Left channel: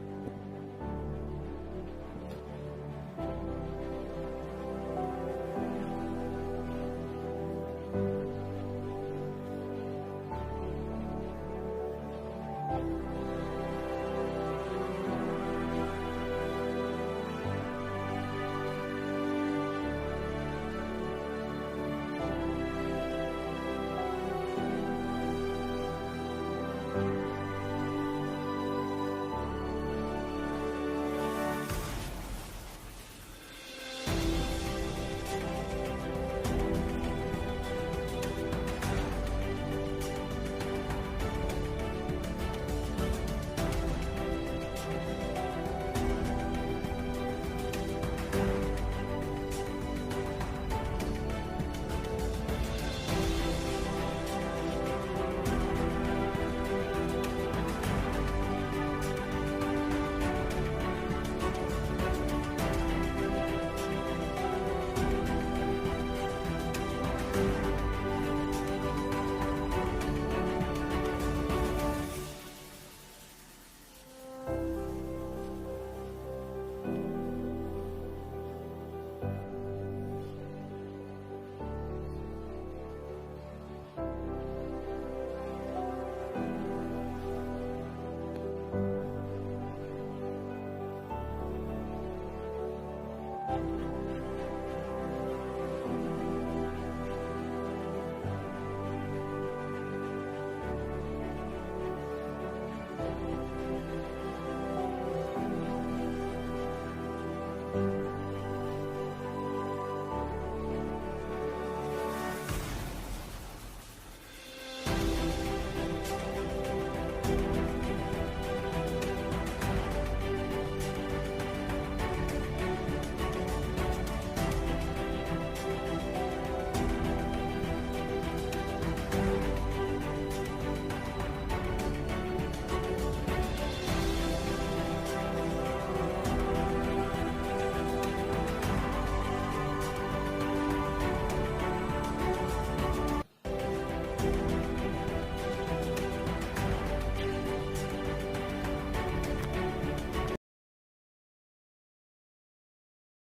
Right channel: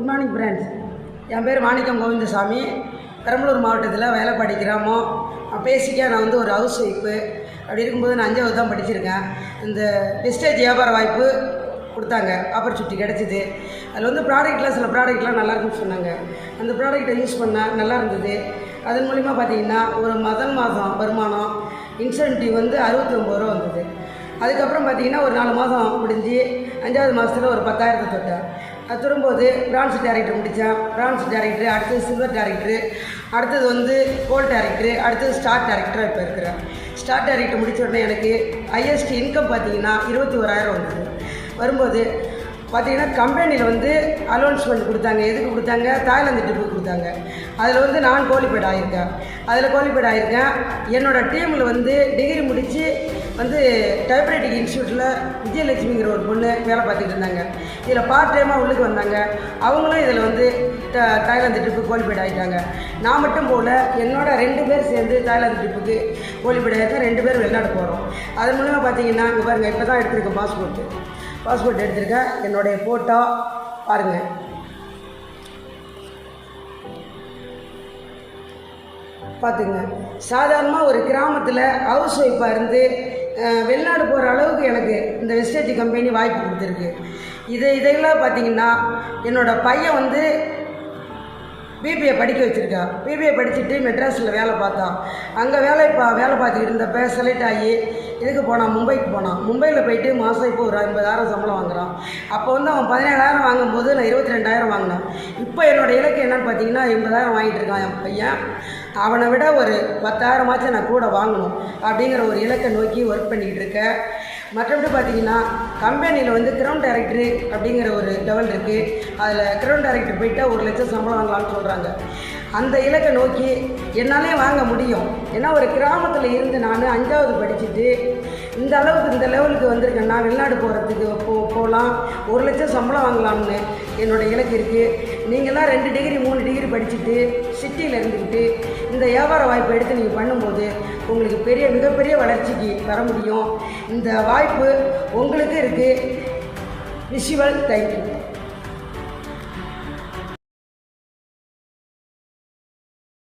Good morning friends. என் பேர் மாணிக்கம் கோவிந்தசாமி. பெரம்பலூர் மாவட்டத்தில் வயலப்பாடி கிராமம். பேசிக்காக நான் ஒரு ஹவுஸ் ஒய்ஃபு. அப்படி இருக்கும்போது நான் 5வது தான் படிச்சிருக்கேன். இந்த வெஸ்டேஜ் வியாபார வாய்ப்பு கொடுத்தாங்க, ஆப்பர்ச்சுனிட்டி கிடச்சிது. அதில் ப்ராடக்ட்லாம் சில ப்ராடக்ட்லாம் நல்லாயிருக்குன்னு சொன்னாங்க. அந்த ப்ராடக்டை யூஸ் பண்ணால் நல்லா இருந்தது. அதன் மூலிமா பார்த்திங்கன்னா ஒரு மாதம் வருமானம் இன்சென்டிவ் 69 ரூபா வந்தது. அதுக்கப்புறம் பார்த்திங்கன்னா ஒரு 4 மாதம் முடிஞ்சு 5வது மாதத்தில் ஒரு 10,000 தொட்டேன். அது திரும்போது பிரான்ஸ் டேரக்டர் முடித்தேன். பிரான்ஸ் டேரக்டரு, அடுத்தது சில்வர் டேரக்டரு, அடுத்தது கோல்ட் டேரக்டரு, அடுத்தது ஸ்டார் டேரக்டராக இப்போ இருக்கிறேன். ஸ்டார் டேரக்டர் முடித்த உடனே எனக்கு ஹையஸ்ட் இன்கம் பார்த்திங்கன்னா 21,000 வந்தது. வரும்போது பார்த்திங்கன்னா கம்பெனியில் அலோன்ஸ்மெண்ட் கொடுத்தாங்க. எதுக்கு கொடுத்தாங்க? தாய்லாந்து ட்ரிப்புக்கு கொடுத்தாங்க. அதில் நான் குவாலிஃபைட் ஆகியிருக்கேன். என்னோடய டீமில் டிகிரி முடித்து டைப்ரைட்டிங் இன்ஸ்டியூட்டில் விஜயலட்சுமிங்கிற ஒரு பொண்ணு வேலை பார்த்துட்டு இருந்தாங்க. இதில் பார்ட் டைமாக உள்ளுக்கு வந்தாங்க. அவங்களும் இதில் தாய்லாந்து ட்ரிப்புக்கு குவாலிஃபைட் ஆகிட்டாங்க. நான் மட்டும் போல் என்னோட 2 பேர் சேர்ந்து தாய்லாந்து ட்ரிப்புக்கு குவாலிஃபைட் ஆகிருக்கேன். 2 பேர் வெளிநாடு போகிறோம். அது மூலமாக பார்த்திங்கன்னா இங்கே பாருங்கள், இப்போ தான் எடுத்திருக்கேன் பாஸ்போர்ட் எடுத்திருக்கேன். என்னுடைய ஃபோட்டோ பாருங்கள். பார்த்துங்க, சாதாரணமாக ஒரு கிராமத்தில் ஹவுஸ் ஒய்ஃபாக இருந்து வெளிநாடு போகிற அளவுக்கு எனக்கு இந்த வெஸ்டேஜ் கம்பெனி வாய்ப்பு கொடுத்துருக்கு. இதெல்லாம் பார்த்திங்கன்னா என்னோடய பையன் பிபிஏ படிக்க வச்சுருக்கா. பிபிஏ படிச்சுட்டு மெட்ராஸில் வேலை பார்த்தான். அங்கே வேலை பார்த்துக்கிட்டு இருந்தப்போ செலக்ட் ஆகி இதுக்கு போனான், மும்பைக்கு போனான். மும்பையில் போயிட்டு மாதம் இப்போ ஒரு 50,000 சம்பளம் வாங்குகிறான். அப்போ அவன் 17,000 வாங்கும்போது நான் 22,000 வாங்கினேன். இப்போ என்னோடய இலக்கு என்னன்னு பார்த்தீங்கன்னா 80,000 வாங்கிட்டு இருக்கான் என் பையன். அவனை விட ஒரு 10,000 நான் கூட வாங்கணும் அப்படிங்கிற ஒரு இலக்கை நோக்கி ஒர்க் பண்ணிக்கிட்டு இருக்கேன். மற்றபடி பார்த்திங்கன்னா கம்பெனியில் கிரவுண்ட் டைரக்டரு அப்படிங்கிற ஒரு லெவல் இருக்குது. அதில் கிரவுண்ட் டைரக்டர் போயிட்டால் 1 லட்சம் சம்பளம் வாங்கலாம்னு சொல்கிறாங்க. அந்த இலக்கை நோக்கி என்னாலே வாங்க முடியும். ஏன்னா ஒரு கிராமத்தில் இருந்து நான் 5வது படிச்சுட்டு இந்த லெவலுக்கு வந்திருக்கேன்னா வெளிநாடு போகிறதுக்கு போகலாம், 1 லட்சம் சம்பளம் வாங்கலாம்னு என்னோடய இலக்கு இருக்குது. நீங்கள்லாம் 2 டிகிரி 3 டிகிரி படிச்சுட்டு சிட்டியில் இருந்துக்கிட்டு இந்த வியாபார வாய்ப்பை எடுத்து நீங்கள் பண்ணும்போது உங்களுக்கு மிகப்பெரிய வளர்ச்சிக்கு வர முடியும். இந்த வாய்ப்பு உங்களுக்கு இருக்குது. Visual thank you.